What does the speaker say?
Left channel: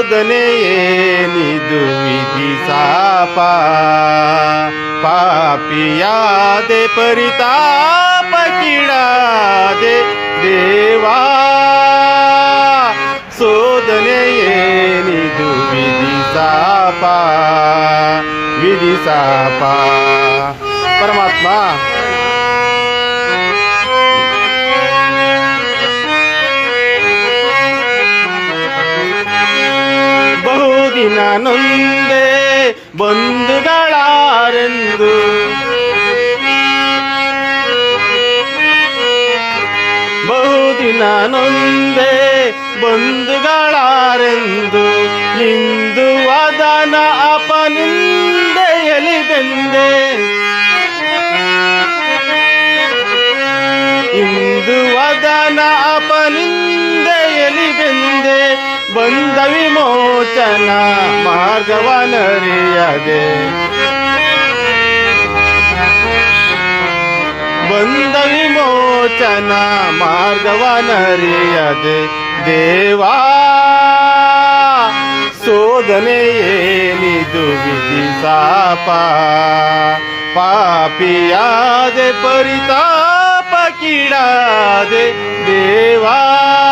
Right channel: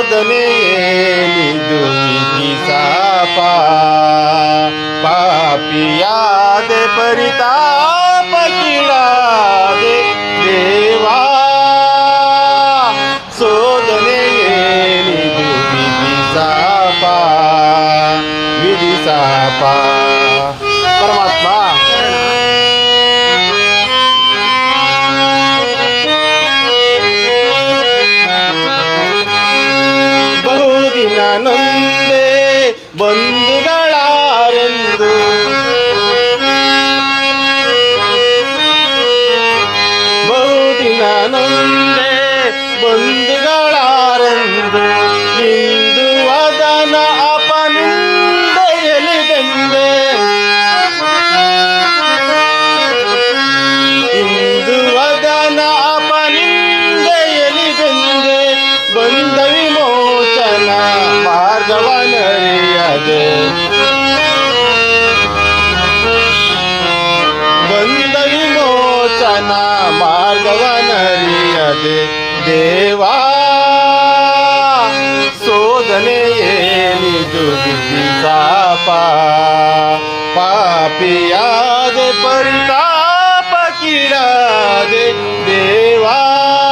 शोधने येली सापा पापिया दे परिताप किडा दे देवा. शोधने येली विधी सापा विधी सापा ಬಹುದಿನ ನೊಂದೆ ಬಂಧುಗಳಾರೆಂದು ಬಹುದಿನ ನೊಂದೆ ಬಂಧುಗಳಾರೆಂದು ಇಂದು ವದನ ಅಪನಿಂದೆಯಲಿ ಬಂದೆ ಇಂದು भगवान दे बंद विमोचना मार्गवान दे देवा शोधने येली दुर्गीचा पा पापिया दे परिताप किडा